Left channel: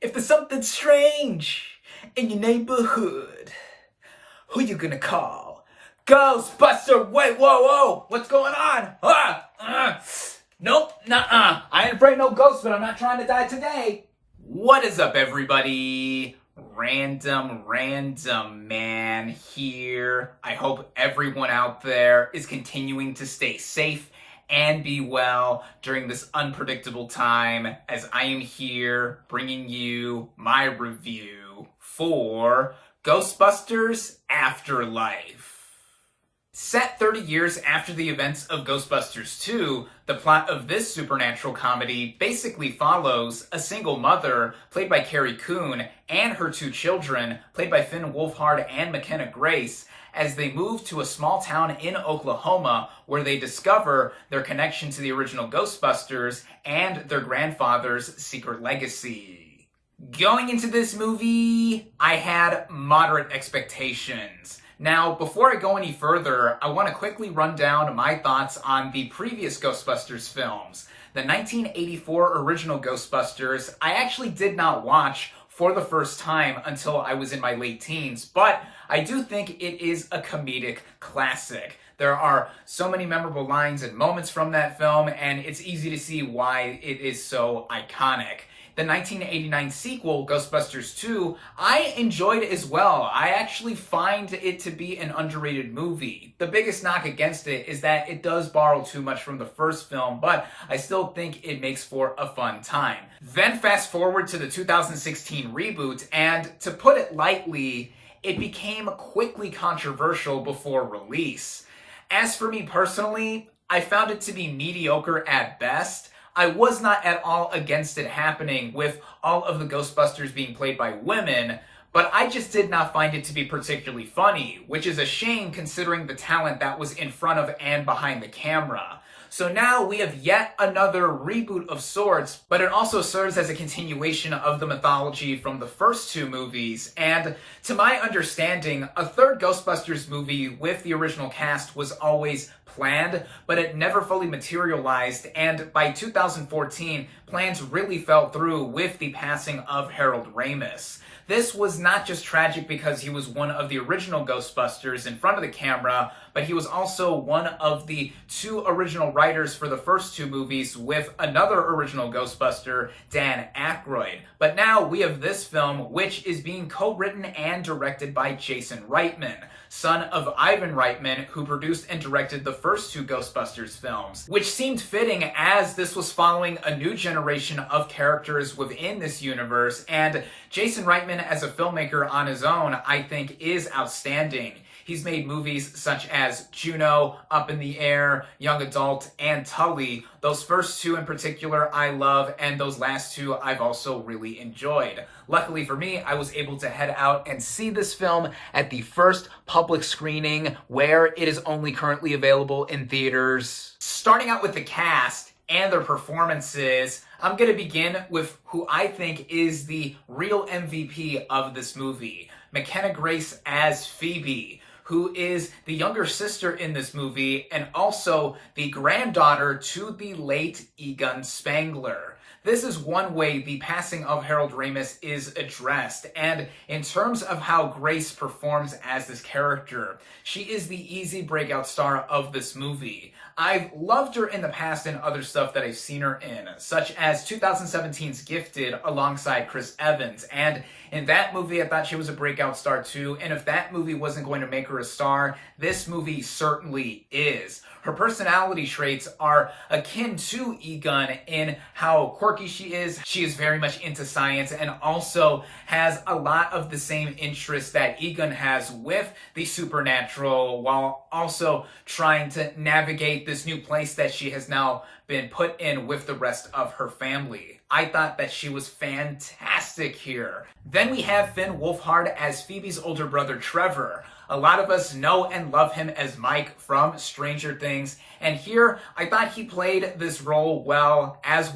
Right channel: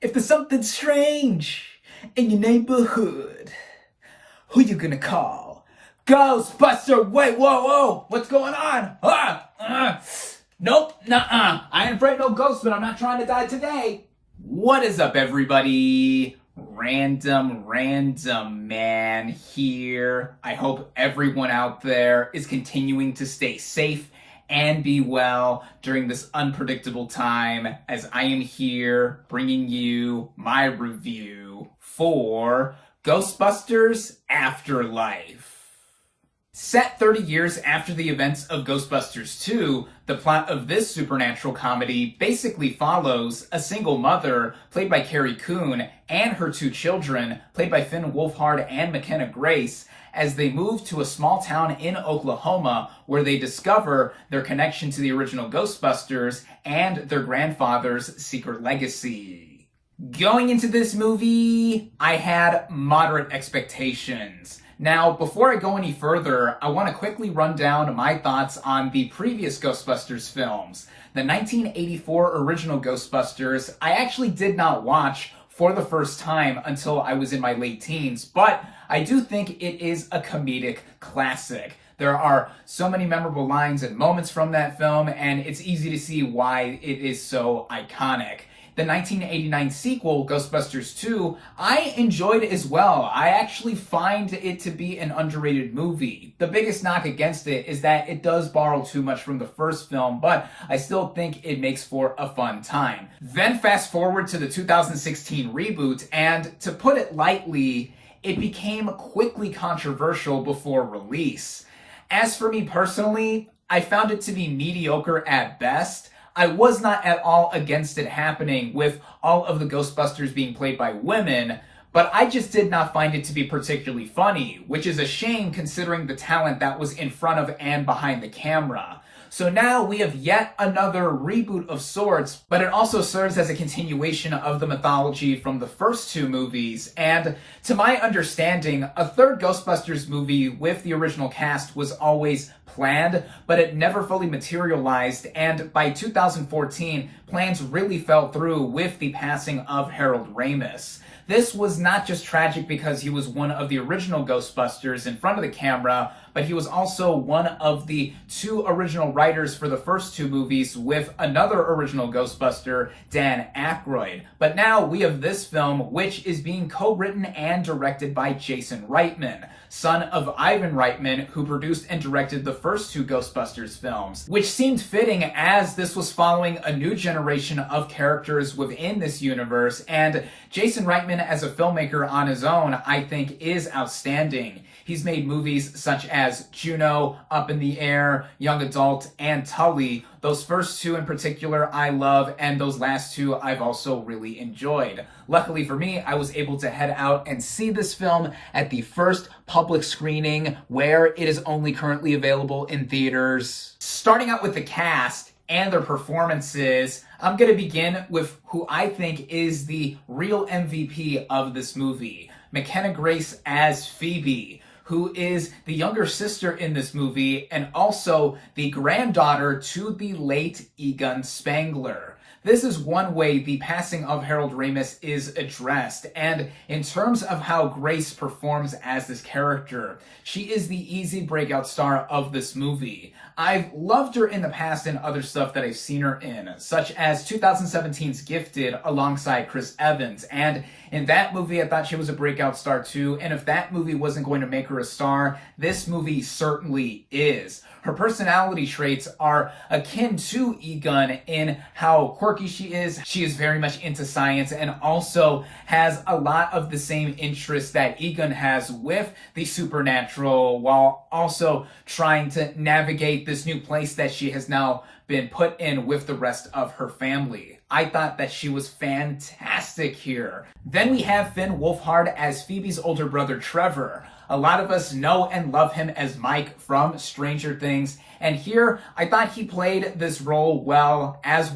If there's something strange in your neighborhood, who you gonna call? Ghostbuster! Wait, whoa, what's going on? Nope, nuh-uh. I ain't afraid no ghosts, but I'm not trying to die today. What is up, everybody? Random Man here. I hope everyone out there is continuing to stay safe and be well during this unpredictable time, as I am here bringing you my review for Ghostbusters Afterlife. Set 30 years after the events of Ghostbusters 2, the plot of this supernatural comedy basically follows a single mother, played by Carrie Coon, and her two children, played by Finn Wolfhard and McKenna Grace, as they move to a small town in Oklahoma where they discover their connection to the original Ghostbusters and their grandfather's secret legacy. Going into this movie, I had moderate expectations. Now, before I go any further, I want to quickly run down my thoughts on the previous Ghostbusters films. The 1984 original Ghostbusters, I actually did not watch for the first time until I was in my late teens, but I do think it is a comedic classic. There are so many memorable lines and moments from that film, and it's easy to see why it is so iconic. The 1989 sequel, Ghostbusters 2, I enjoyed as well. I actually find it to be an underrated movie. The biggest knock against it is that it does borrow too much from the first film, but I still think it makes for a fun time. Then fast forward to the 2016 reboot, and to put it lightly, it became quickly controversial before release. As for me personally, I found it to be mediocre at best. I was not at all against it happening with all of the Ghostbusters being played by women, but I just did not find it to be particularly funny, which is a shame considering the talent that was in front of and behind the camera. So now we have yet another reboot of sorts, but it also serves as a continuation of the mythology from the first two movies, and to my understanding, a third Ghostbusters movie with the original cast was always planned, but it never fully materialized, and by 2014, plans really fell through with the passing of Harold Ramis. This was not just tragic because he was one of the original Ghostbusters in front of the camera, but he was also one of the two original writers for the first two movies with another original Ghostbuster, Dan Aykroyd. But now we have this film, which is being co-written and directed by Jason Reitman, son of Ivan Reitman, who produced and directed the first two Ghostbusters films, which seemed fitting as this was following a new generation of characters within this universe, and Jason Reitman as a filmmaker on his own, I think, is outstanding. He's made movies such as Juno, Up in the Air, Young Adult, and Tully. Those first two in particular I love, and those last two I've also really enjoyed. Luckily for me, I was able to head out and see this film at the first public screening, where it is only currently available in theaters. Starting out with the cast and their performances, I'm going to begin with who I think is the real MVP of this movie, McKenna Grace as Phoebe, who is the younger sister in this movie and also the granddaughter to the late Egon Spengler. This is one way the passing of Harold Ramis is addressed, and in terms of how Grace performs as this character, she is the easy breakout star of this movie. I've loved her in the past in other stuff that I've seen her in, such as 2017's Gifted alongside Chris Evans, and in that movie I thought she was a breakout star too, and if that movie wasn't going to make her a star, this movie certainly is. Her personality traits are akin to Egon in how quirky she is. She is very much into science and also has a lot of the same interests that Egon has with the supernatural, while also trying to navigate this new place that she has now been put in with the rest of her family. I thought that she was fantastic here. Then we have Finn Wolfhard as Phoebe's older brother Trevor. A lot of us know and love him as Mike from Stranger Things And here, I thought he played this role well as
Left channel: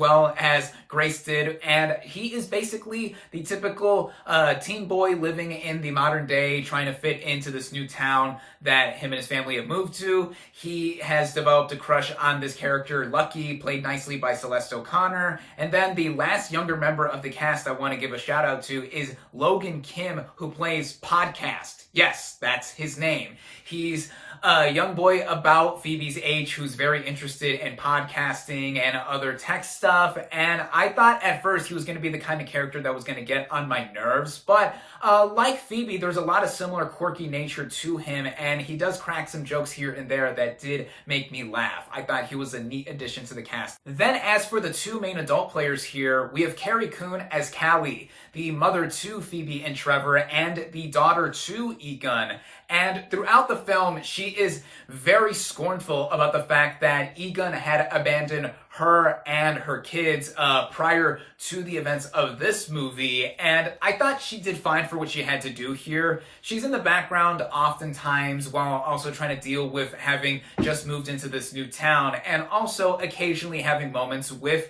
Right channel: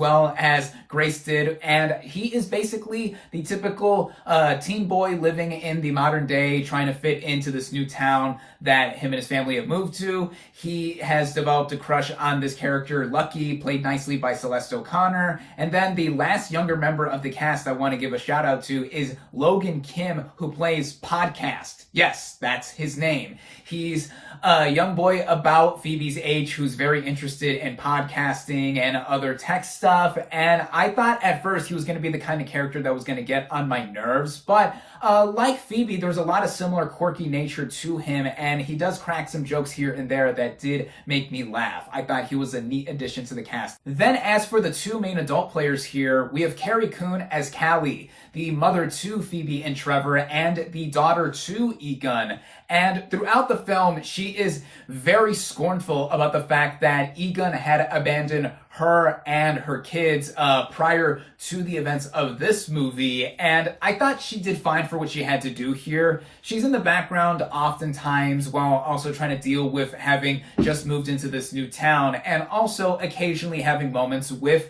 Grace did, and he is basically the typical teen boy living in the modern day, trying to fit into this new town that him and his family have moved to. He has developed a crush on this character, Lucky, played nicely by Celeste O'Connor. And then the last younger member of the cast I want to give a shout out to is Logan Kim, who plays Podcast. Yes, that's his name. He's a young boy about Phoebe's age who's very interested in podcasting and other tech stuff. And I thought at first he was going to be the kind of character that was going to get on my nerves. But like Phoebe, there's a lot of similar quirky nature to him. And he does crack some jokes here and there that did make me laugh. I thought he was a neat addition to the cast. Then as for the two main adult players here, we have Carrie Coon as Callie, the mother to Phoebe and Trevor, and the daughter to Egon. And throughout the film, she is very scornful about the fact that Egon had abandoned her and her kids prior to the events of this movie. And I thought she did fine for what she had to do here. She's in the background oftentimes while also trying to deal with having just moved into this new town, and also occasionally having moments with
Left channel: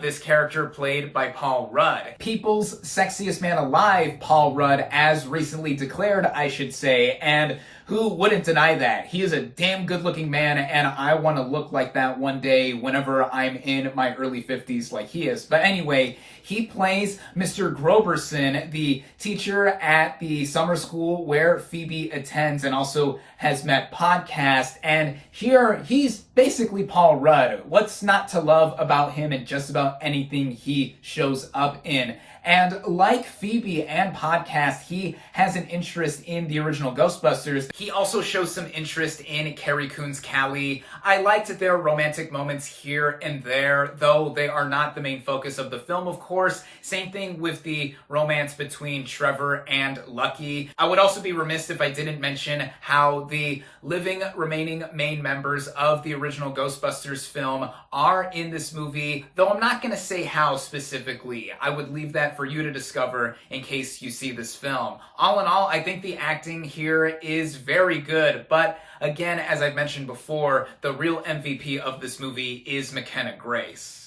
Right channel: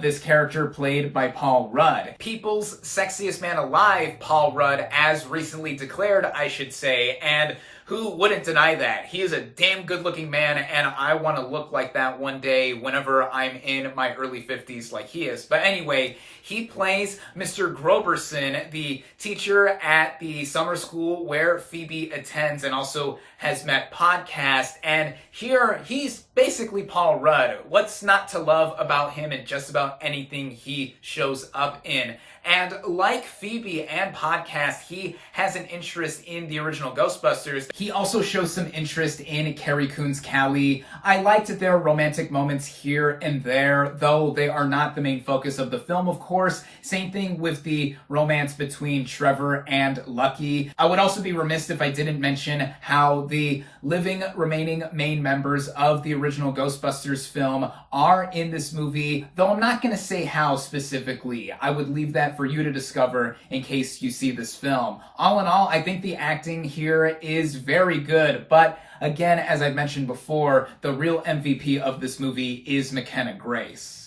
this character played by Paul Rudd. People's sexiest man alive, Paul Rudd, as recently declared, I should say, and who wouldn't deny that? He is a damn good-looking man, and I want to look like that one day whenever I'm in my early 50s like he is. But anyway, he plays Mr. Groberson, the teacher at the summer school where Phoebe attends and also has met Podcast. And here, he's basically Paul Rudd. What's not to love about him in just about anything he shows up in? And like Phoebe and Podcast, he has an interest in the original Ghostbusters. He also shows some interest in Carrie Coon's Callie. I liked their romantic moments here and there, though they are not the main focus of the film, of course. Same thing with the romance between Trevor and Lucky. I would also be remiss if I didn't mention how the remaining main members of the original Ghostbusters film are in this movie, though I'm not going to say how specifically. I would leave that for you to discover in case you see this film. All in all, I think the acting here is very good, but again, as I mentioned before, the real MVP of this movie is McKenna Grace.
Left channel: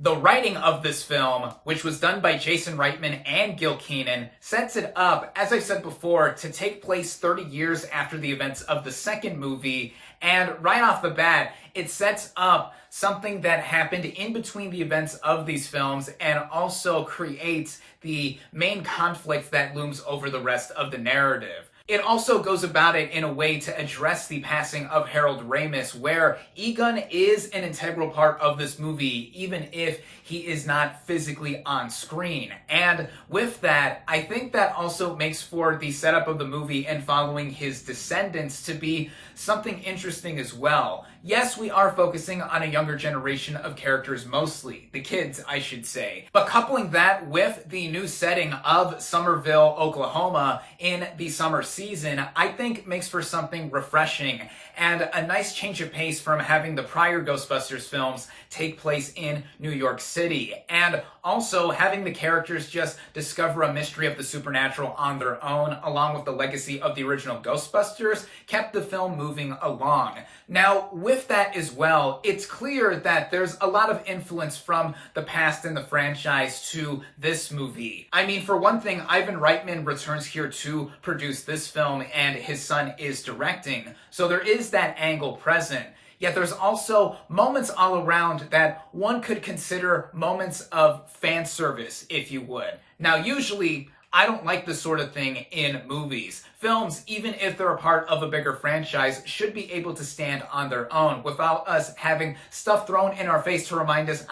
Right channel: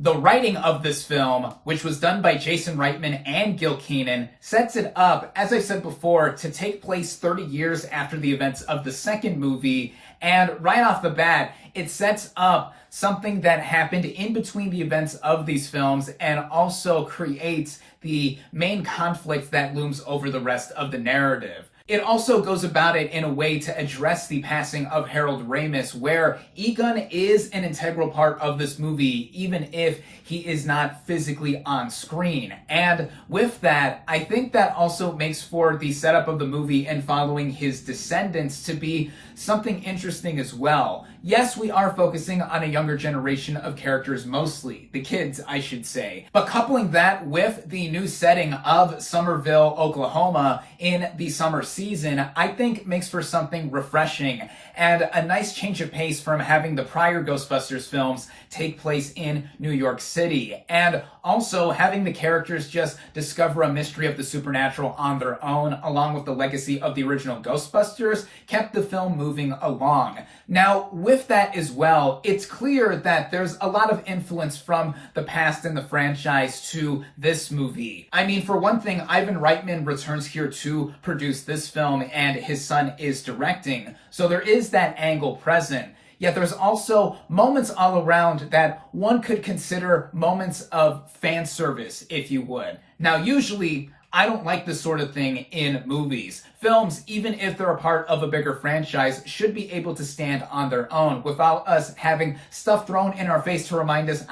The writing of this film, which was done by Jason Reitman and Gil Kenan, sets it up, as I said before, to take place 30 years after the events of the second movie. And right off the bat, it sets up something that happened in between the events of these films and also creates the main conflict that looms over the rest of the narrative. It also goes about it in a way to address the passing of Harold Ramis, where Egon is an integral part of this movie, even if he is not physically on screen. And with that, I think that also makes for the setup of the movie and following his descendants to be something interesting as well. Yes, we are focusing on a younger generation of characters mostly, the kids, I should say. But coupling that with the new setting of Summerville, Oklahoma in the summer season, I think makes for something refreshing and a nice change of pace from having the prior Ghostbusters films take place in New York City. And also having the characters just discover a mystery of the supernatural on their own, along with the legacy of the original Ghostbusters, kept the film moving along. Now, with that as well, it's clear that there's a lot of influence from the past in the franchise to this movie. I mean, for one thing, Ivan Reitman returns here to produce this film, and his son is directing. So there is that angle present. Yet there's also moments all around that one could consider moments of fan service, if you would. Now, usually, I don't like this sort of thing in movies. Films, even if they're a part of a bigger franchise, should be able to stand on their own without us having stuff thrown in our face to remind us,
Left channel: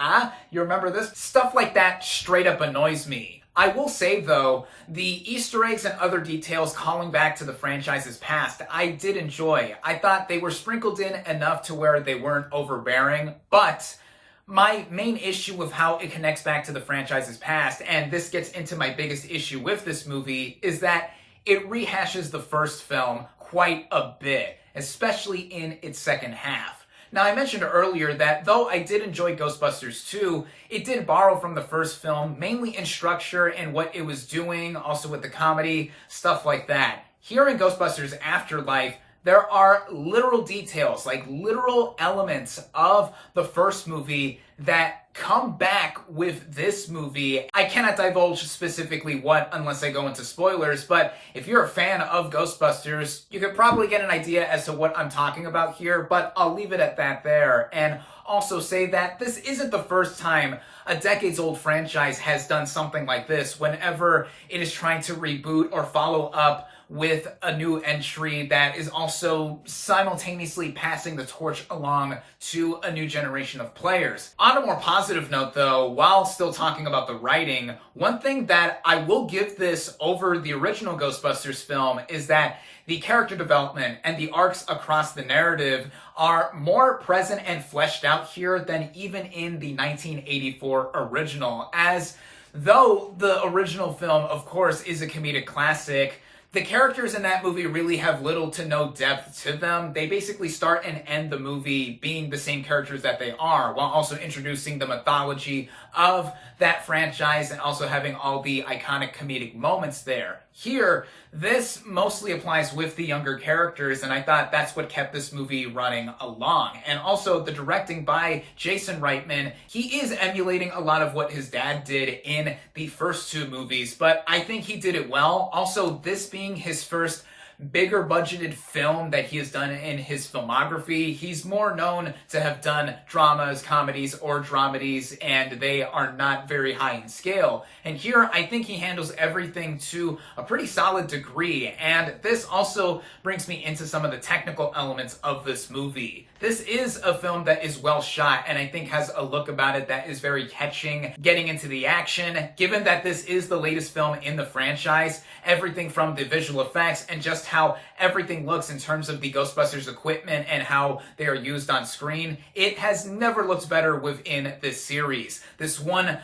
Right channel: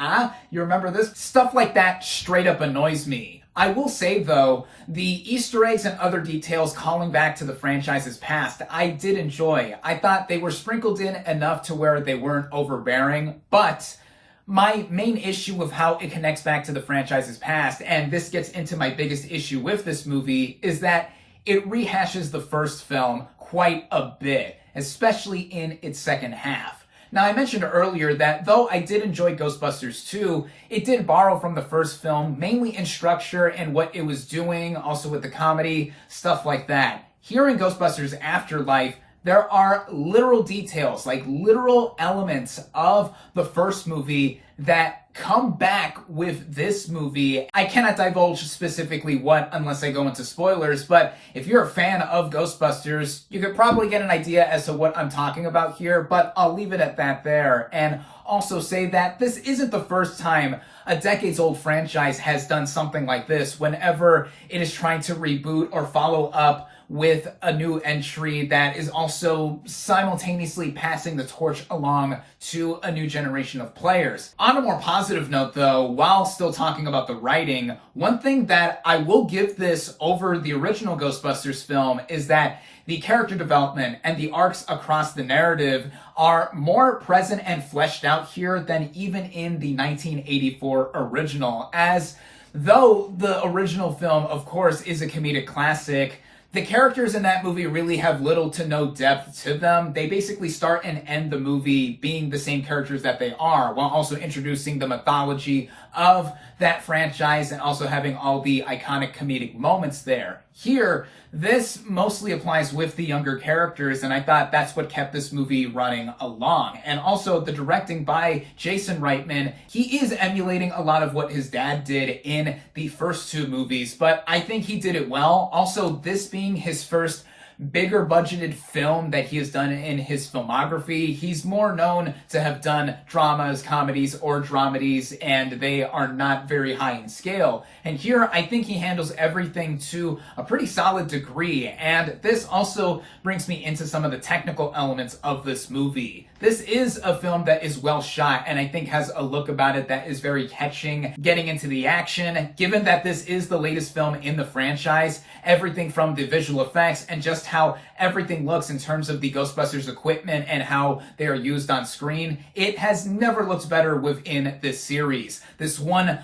you remember this? Stuff like that straight up annoys me. I will say, though, the Easter eggs and other details calling back to the franchise's past, I did enjoy. I thought they were sprinkled in enough to where they weren't overbearing, but my main issue with how it connects back to the franchise's past, and this gets into my biggest issue with this movie, is that it rehashes the first film quite a bit, especially in its second half. Now, I mentioned earlier that though I did enjoy Ghostbusters 2, it did borrow from the first film, mainly in structure and what it was doing, also with the comedy, stuff like that. Here in Ghostbusters Afterlife, there are literal details, like literal elements of the first movie that come back with this movie. I cannot divulge specifically what unless I go into spoilers, but if you're a fan of Ghostbusters, you could probably get an idea as to what I'm talking about here, but I'll leave it at that there. And also say that this isn't the first time a decades-old franchise has done something like this whenever it is trying to reboot or follow up with a new entry that is also simultaneously passing the torch along to a new generation of players. On a more positive note though, while still talking about the writing, one thing that I will give this over the original Ghostbusters film is that the character development and the arcs across the narrative are more present and fleshed out here than even in the 1984 original. As though the original film, of course, is a comedic classic, the characters in that movie really have little to no depth to them. They basically start and end the movie being the same characters that they are, while also introducing the mythology of that franchise and also having all the iconic comedic moments there. Here, this mostly applies with the younger characters, and I thought that's what kept this movie running along. And also, the directing by Jason Reitman, he is emulating a lot of what his dad did in the first two movies, but I think he did it well. Also, this being his first bigger budgeted film that he has done in his filmography. He's more known to have done dramas, comedies, or dramedies, and they are not very high in scale. And here, I think he handles everything to a pretty solid degree, and this also brings me into some of the technical elements of this movie. This is a film that is well shot, and I think has a look about it that is very catching, getting into the action. Given that this is the latest film in the franchise, everything from the visual effects and just how everything looks in terms of the Ghostbusters equipment and how they are used on screen, it has never looked better within this series. This one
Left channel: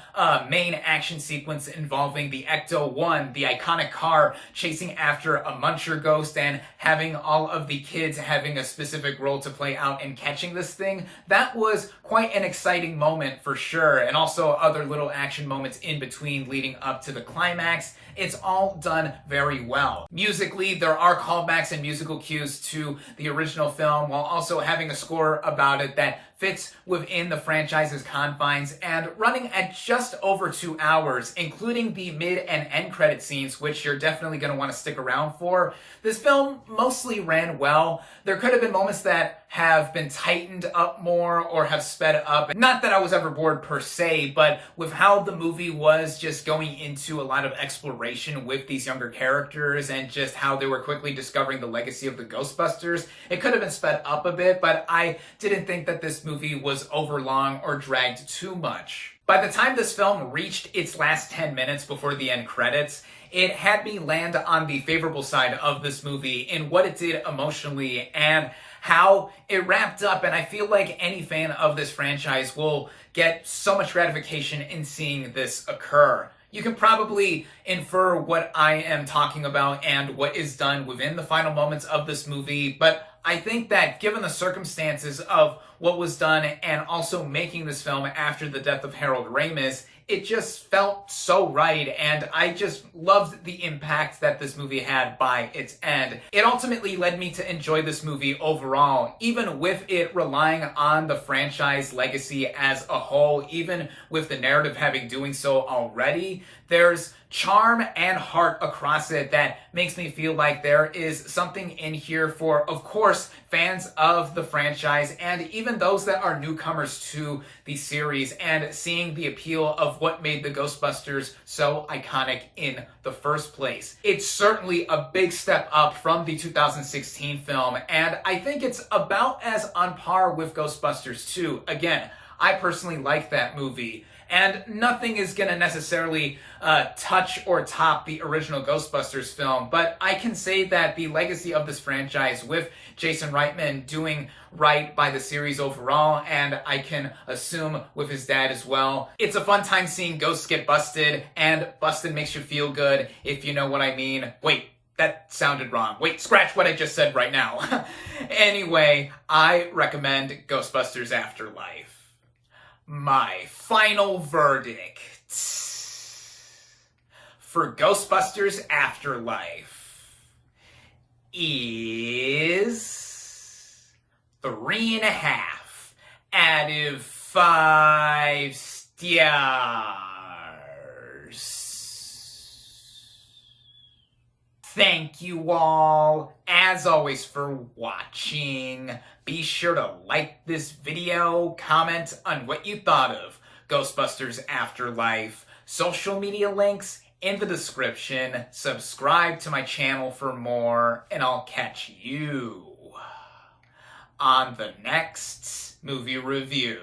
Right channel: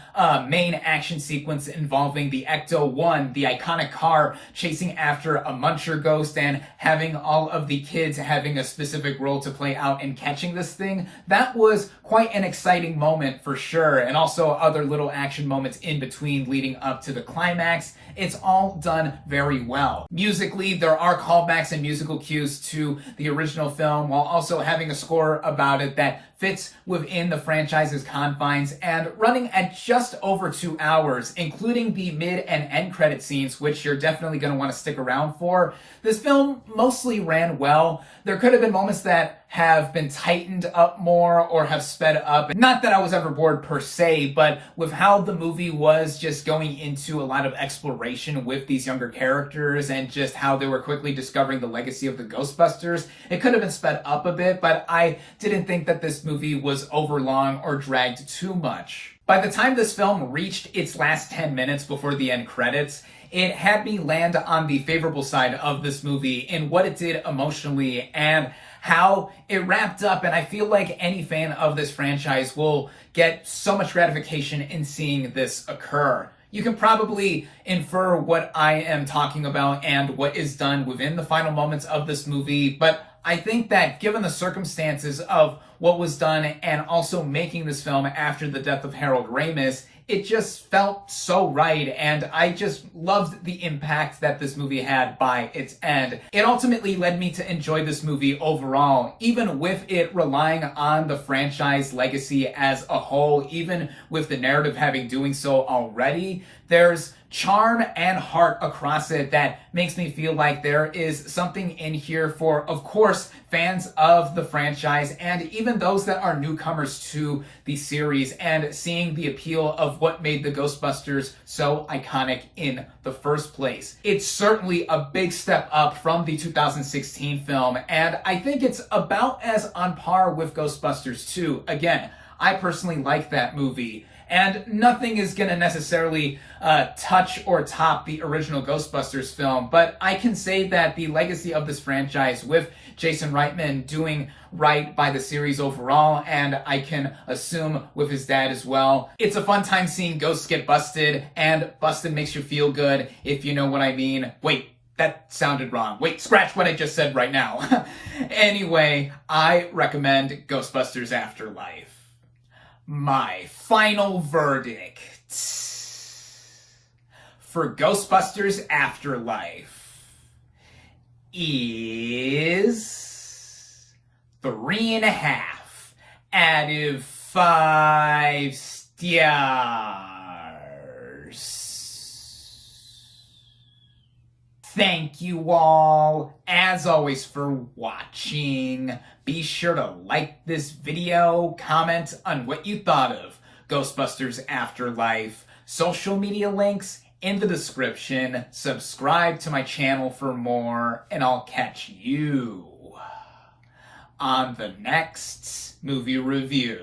main action sequence involving the Ecto-1, the iconic car chasing after a muncher ghost and having all of the kids having a specific role to play out in catching this thing, that was quite an exciting moment for sure, and also other little action moments in between leading up to the climax. It's all done very well. Musically, there are callbacks and musical cues to the original film, while also having a score about it that fits within the franchise's confines and running at just over 2 hours, including the mid and end credit scenes, which you're definitely going to want to stick around for. This film mostly ran well. There could have been moments that have been tightened up more or have sped up. Not that I was ever bored per se, but with how the movie was just going into a lot of exploration with these younger characters and just how they were quickly discovering the legacy of the Ghostbusters, it could have been sped up a bit, but I didn't think that this movie was overlong or dragged too much. By the time this film reached its last 10 minutes before the end credits, it had me land on the favorable side of this movie in what it did emotionally and how it wrapped up. And I feel like any fan of this franchise will get so much gratification in seeing this occur. You can probably infer what I am talking about and what is done within the final moments of this movie, but I think that given the circumstances of what was done and also making this film after the death of Harold Ramis, it just felt so right, and I just loved the impact that this movie had by its end. It ultimately led me to enjoy this movie overall, even with it relying on the franchise legacy as a whole, even with the narrative having doing so already. There's charm and heart across it that makes me feel like there is something in here for, of course, fans of the franchise and even those that are newcomers to the series and seeing the appeal of what made the Ghostbusters so iconic in the first place. It's certainly a big step up from the 2016 film, and I think it's about as on par with Ghostbusters 2. Again, I personally like that movie, and nothing is going to necessarily touch or top the original Ghostbusters film, but I can say that the legacy of this franchise with Jason Reitman doing right by the series overall, and I can assume with his dad as well. It's a fun time seeing ghosts get busted, and busted makes you feel good, if you know what I mean. Wait, that sounded wrong. Wait, scratch what I just said right now. Anyway, I recommend Ghostbusters Afterlife. My final verdict for Ghostbusters Afterlife is 3.5 out of 5 stars. Thank you all, as always, for watching. Be sure to like this video, comment on what you thought of Ghostbusters Afterlife, social media links in the description, subscribe to my channel for more, and I'll catch you on the next movie review.